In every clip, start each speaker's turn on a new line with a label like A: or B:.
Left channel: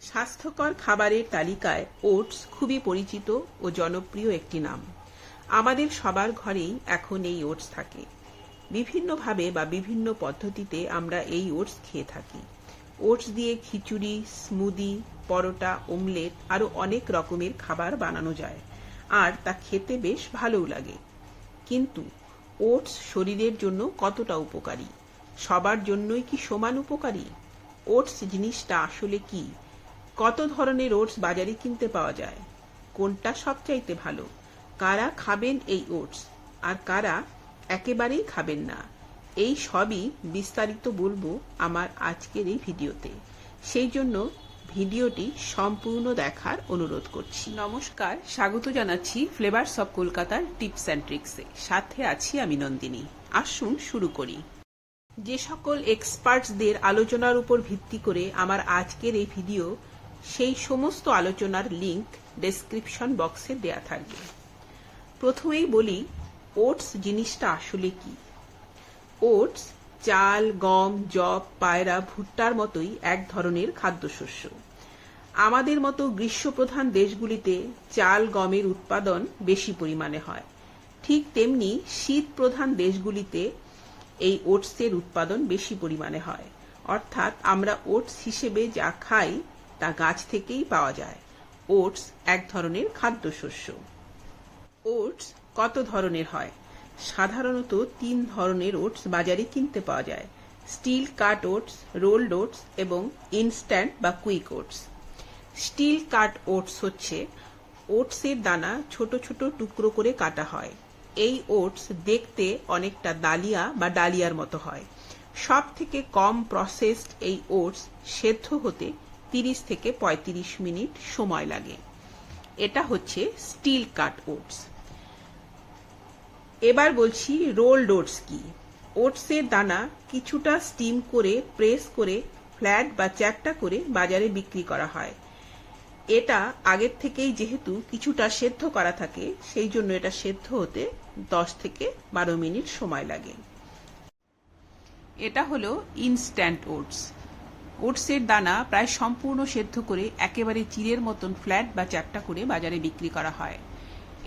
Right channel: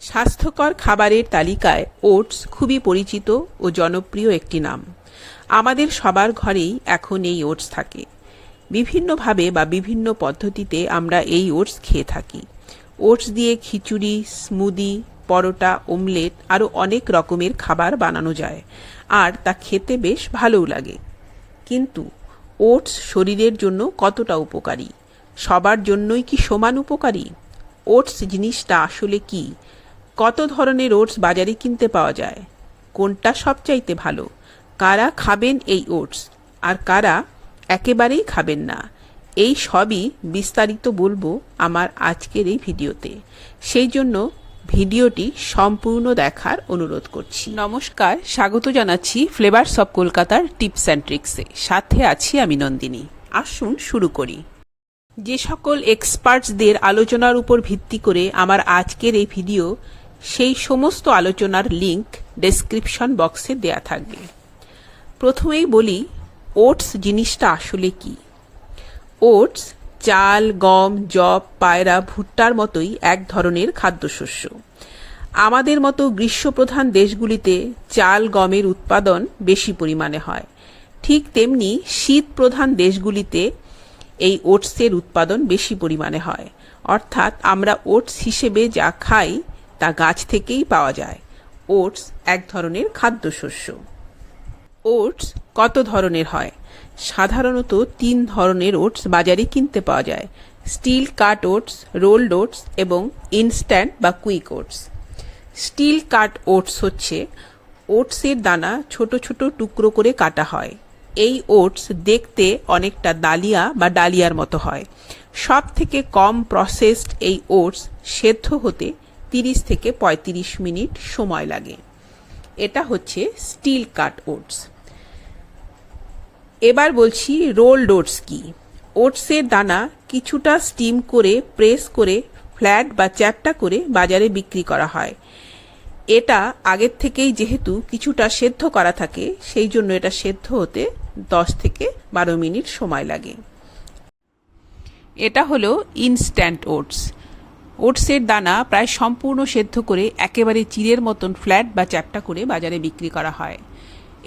A: স্বাস্থ্যকর খাবারের তালিকায় ওটস খুবই পরিচিত ও জনপ্রিয় একটি নাম। আমাদের সবার ঘরেই এখন এই ওটস থাকে। বিভিন্নভাবে বা বিভিন্ন পদ্ধতিতে আমরা এই ওটস খেয়ে থাকি। ওটস দিয়ে খিচুড়ি, স্মুদি, পরোটা ওমলেট আরও অনেক রকমের খাবার বানানো যায় আর তা খেতে বেশ ভালোও লাগে। কিন্তু ওটস শরীরের জন্য কতটা উপকারী? সবার জন্যই কি সমান উপকারী? ওটস জিনিসটা আসলে কি? কত ধরনের ওটস বাজারে কিনতে পাওয়া যায়? কোনটা সবচাইতে ভালো? কারা খাবেন এই ওটস? আর কারা একেবারেই খাবেন না? এই সবই বিস্তারিত বলব আমার আজকের এই ভিডিওতে। সেই জন্য ভিডিওটি সম্পূর্ণ দেখার অনুরোধ করছি। নমস্কার, স্বাগত জানাচ্ছি ফ্লেভারস অব কলকাতার টিপস অ্যান্ড ট্রিক্সে সাথে আছি আমি নন্দিনী। আসুন শুরু করি। যে সকল এক্সপার্টসদের আলোচনার উপর ভিত্তি করে আমার আজকের এই ভিডিও সেই সমস্ত আলোচনার লিংক ডেসক্রিপশন বক্সে দেয়া থাকবে। প্রথমেই বলি ওটস জিনিসটা আসলে কি? ওটস চাল, গম জব পায়রা, ভুট্টার মতোই এক ধরনের খাদ্যশস্য। আমাদের মতো গ্রীষ্মপ্রধান দেশগুলিতে চাল, গমের উৎপাদন বেশি পরিমাণে হয়। ঠিক তেমনি শীত প্রধান দেশগুলিতে এই ওটসের উৎপাদন বেশি পরিমাণে হয়। অর্থাৎ আমরা ওটস হিসেবে যা খাই তা গাছ থেকেই পাওয়া যায়। ওটস এক ধরনের খাদ্যশস্য। ওটস কত ধরনের হয়? সাধারণত তিন ধরনের ওটস বাজারে কিনতে পাওয়া যায়। Steel cut oats, rolled oats এবং ইনস্ট্যান্ট বা quick oats. Steel cut oats হচ্ছে ওটসের দানা ছোট ছোট টুকরো করে কাটা হয়। এই ওটস দেখতে অনেকটা দালিয়া বা ডালিয়ার মতো হয়। সব থেকে কম প্রসেসড এই ওটস সেদ্ধ হতে তিরিশ থেকে পঁয়ত্রিশ মিনিট সময় লাগে। এটা হচ্ছে স্টিল কাট ওটস। এবার বলছি রোলড ওটস কি? ওটসের দানা কিছুটা স্টিম করে, প্রেস করে, ফ্ল্যাট বা চ্যাপটা করে বাজারে বিক্রি করা হয়। এটা আগের থেকেই যেহেতু কিছুটা সেদ্ধ করা থাকে, সেই জন্য এটা সেদ্ধ হতে দশ থেকে বারো মিনিট সময় লাগে। এটা হলো ইনস্ট্যান্ট ওটস ওটসের দানা প্রায় সম্পূর্ণ সেদ্ধ করে একেবারে চিরের মতন ফ্ল্যাট বা চ্যাপটা করে বাজারে বিক্রি করা হয়।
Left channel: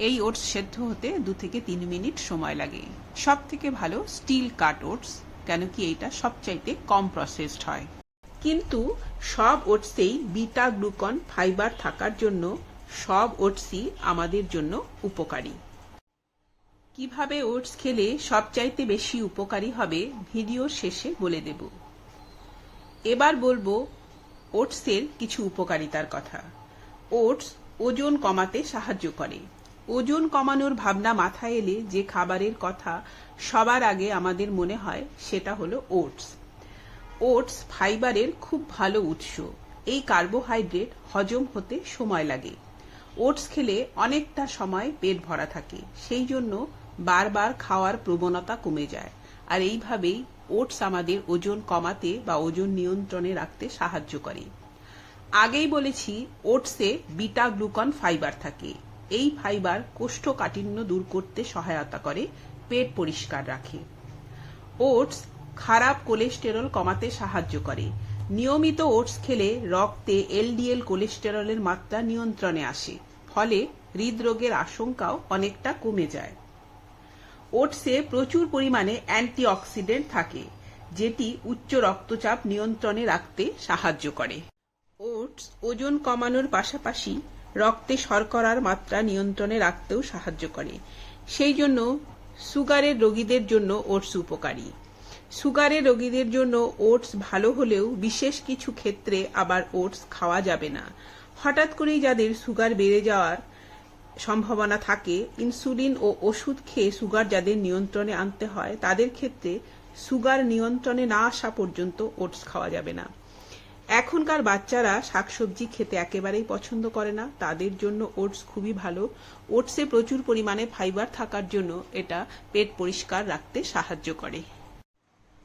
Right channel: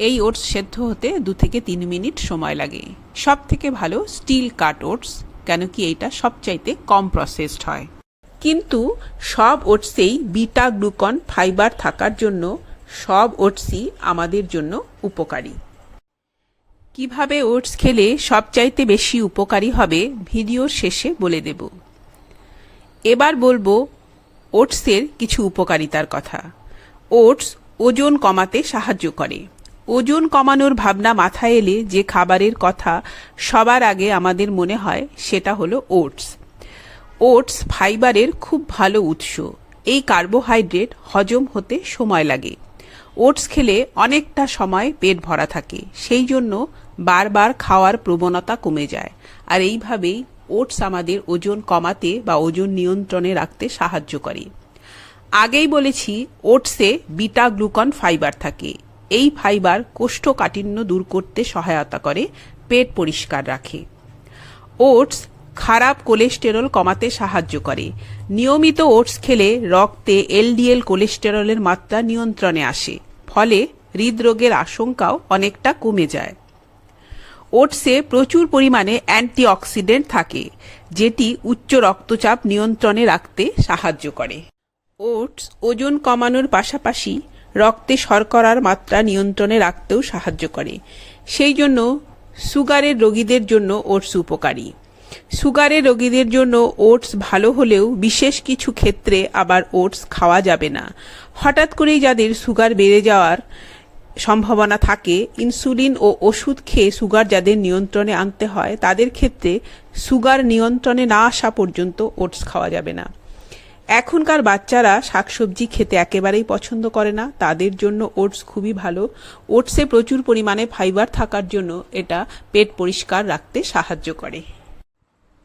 A: এই ওটস সেদ্ধ হতে দু থেকে তিন মিনিট সময় লাগে। সব থেকে ভালো স্টিল কাট ওটস, কেন কি এইটা সবচাইতে কম প্রসেসড হয়। কিন্তু সব ওটসেই বিটা গ্লুকন ফাইবার থাকার জন্য সব ওটসই আমাদের জন্য উপকারী। কীভাবে ওটস খেলে সবচাইতে বেশি উপকারী হবে ভিডিওর শেষে বলে দেব। এবার বলব, ওটসের কিছু উপকারিতার কথা। ওটস ওজন কমাতে সাহায্য করে। ওজন কমানোর ভাবনা মাথায় এলে যে খাবারের কথা সবার আগে আমাদের মনে হয়, সেটা হলো ওটস। ওটস ফাইবারের খুব ভালো উৎস। এই কার্বোহাইড্রেট হজম হতে সময় লাগে। ওটস খেলে অনেকটা সময় পেট ভরা থাকে, সেই জন্য বারবার খাওয়ার প্রবণতা কমে যায়। আর এইভাবেই ওটস আমাদের ওজন কমাতে বা ওজন নিয়ন্ত্রণে রাখতে সাহায্য করে। আগেই বলেছি, ওটসে বিটা গ্লুকন ফাইবার থাকে। এই ফাইবার কোষ্ঠকাঠিন্য দূর করতে সহায়তা করে, পেট পরিষ্কার রাখে। ওটস খারাপ কোলেস্টেরল কমাতে সাহায্য করে। নিয়মিত ওটস খেলে রক্তে এলডিএল কোলেস্টেরলের মাত্রা নিয়ন্ত্রণে আসে, ফলে হৃদরোগের আশঙ্কাও অনেকটা কমে যায়। ওটসে প্রচুর পরিমাণে অ্যান্টিঅক্সিডেন্ট থাকে, যেটি উচ্চ রক্তচাপ নিয়ন্ত্রণে রাখতে সাহায্য করে। ওটস ওজন কমানোর পাশাপাশি রক্তে শর্করার মাত্রা নিয়ন্ত্রণে রাখতেও সাহায্য করে। সেই জন্য সুগারের রোগীদের জন্য ওটস উপকারী। সুগারের রোগীদের জন্য ওটস ভালো হলেও বিশেষ কিছু ক্ষেত্রে আবার ওটস খাওয়া যাবে না। হঠাৎ করেই যাদের সুগার বেড়ে যাওয়ার সম্ভাবনা থাকে, ইনসুলিন ও ওষুধ খেয়ে সুগার যাদের নিয়ন্ত্রণে আনতে হয়, তাদের ক্ষেত্রে সুগার নিয়ন্ত্রণে না আসা পর্যন্ত ওটস খাওয়া যাবে না। এখনকার বাচ্চারা শাকসবজি খেতে একেবারেই পছন্দ করে না, তাদের জন্য ওটস খুবই ভালো। ওটসে প্রচুর পরিমাণে ফাইবার থাকার জন্য এটা পেট পরিষ্কার রাখতে সাহায্য করে।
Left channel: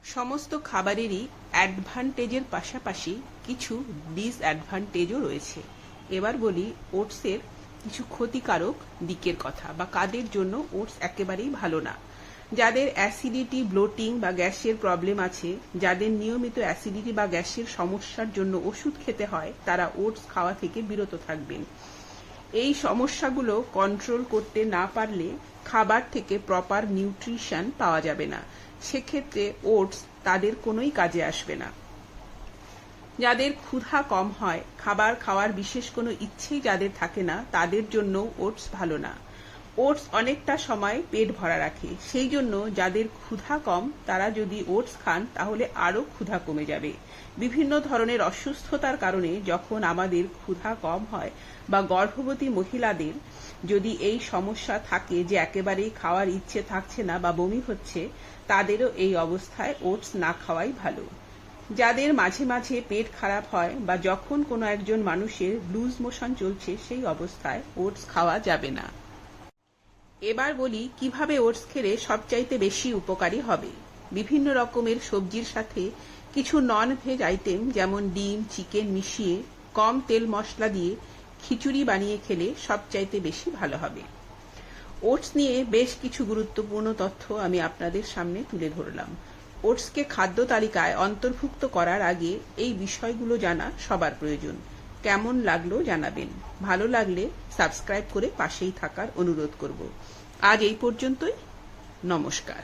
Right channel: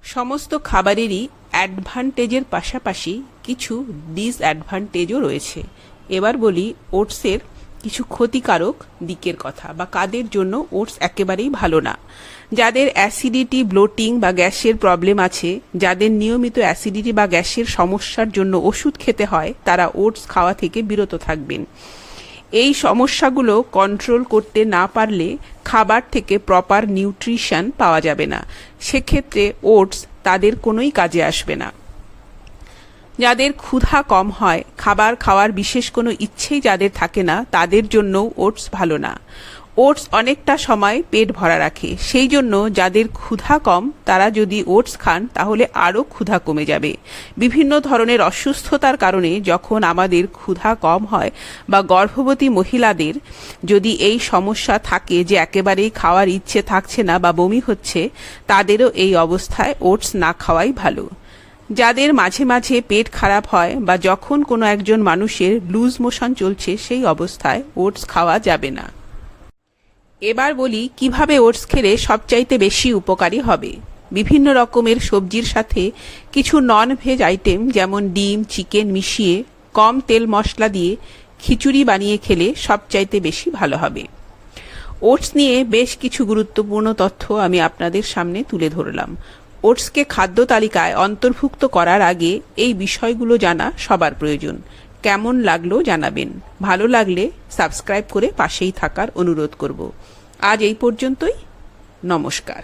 A: সমস্ত খাবারেরই অ্যাডভান্টেজের পাশাপাশি কিছু ডিসঅ্যাডভান্টেজও রয়েছে। এবার বলি ওটসের কিছু ক্ষতিকারক দিকের কথা বা কাদের জন্য ওটস একেবারেই ভালো না। যাদের অ্যাসিডিটি, ব্লোটিং বা গ্যাসের প্রবলেম আছে, যাদের নিয়মিত অ্যাসিডিটি বা গ্যাসের সমস্যার জন্য ওষুধ খেতে হয়, তারা ওটস খাওয়া থেকে বিরত থাকবেন। এই সমস্যাগুলো কন্ট্রোল করতে না পারলে খাবার থেকে প্রপার নিউট্রিশন পাওয়া যাবে না। সেক্ষেত্রে ওটস তাদের কোনোই কাজে আসবে না। যাদের ক্ষুধা কম হয়, খাবার খাওয়ার বিশেষ কোনো ইচ্ছেই যাদের থাকে না, তাদের জন্যও ওটস ভালো না। ওটস অনেকটা সময় পেট ভরা রাখে, সেই জন্য যাদের ক্ষুধা কম, তারা যদি ওটস খান, তাহলে আরও ক্ষুধা কমে যাবে। বিভিন্ন ধরনের অসুস্থতার কারণে যখন আমাদের ক্ষুধা কম হয় বা গর্ভবতী মহিলাদের যদি এই সমস্যা থাকে যে একেবারেই খাওয়ার ইচ্ছে থাকছে না বা বমি হচ্ছে, তাদেরও এই অবস্থায় ওটস না খাওয়াই ভালো। যাদের মাঝে মাঝে পেট খারাপ হয় বা যখন কোনো একজন মানুষের লুজ মোশন চলছে, সেই অবস্থায় ওটস খাওয়া যাবে না। এবার বলি, কীভাবে ওটস খেলে সবচাইতে বেশি উপকারী হবে? বিভিন্ন রকমের সবজির সাথে কিছু নন ভেজ আইটেম যেমন ডিম, চিকেন মিশিয়ে কম তেল মশলা দিয়ে খিচুড়ি বানিয়ে খেলে সবচাইতে বেশি ভালো হবে। ওটস নিয়ে বেশ কিছু গুরুত্বপূর্ণ তথ্য আমি আপনাদের সামনে তুলে ধরলাম। ওটসকে খাদ্য তালিকায় অন্তর্ভুক্ত করার আগে এই বিষয়গুলো জানা সবার প্রয়োজন। কেমন লাগল জানাবেন। ভালো লাগলে সাবস্ক্রাইব করে পাশেই থাকার অনুরোধ করব। আজ এই পর্যন্তই। নমস্কার।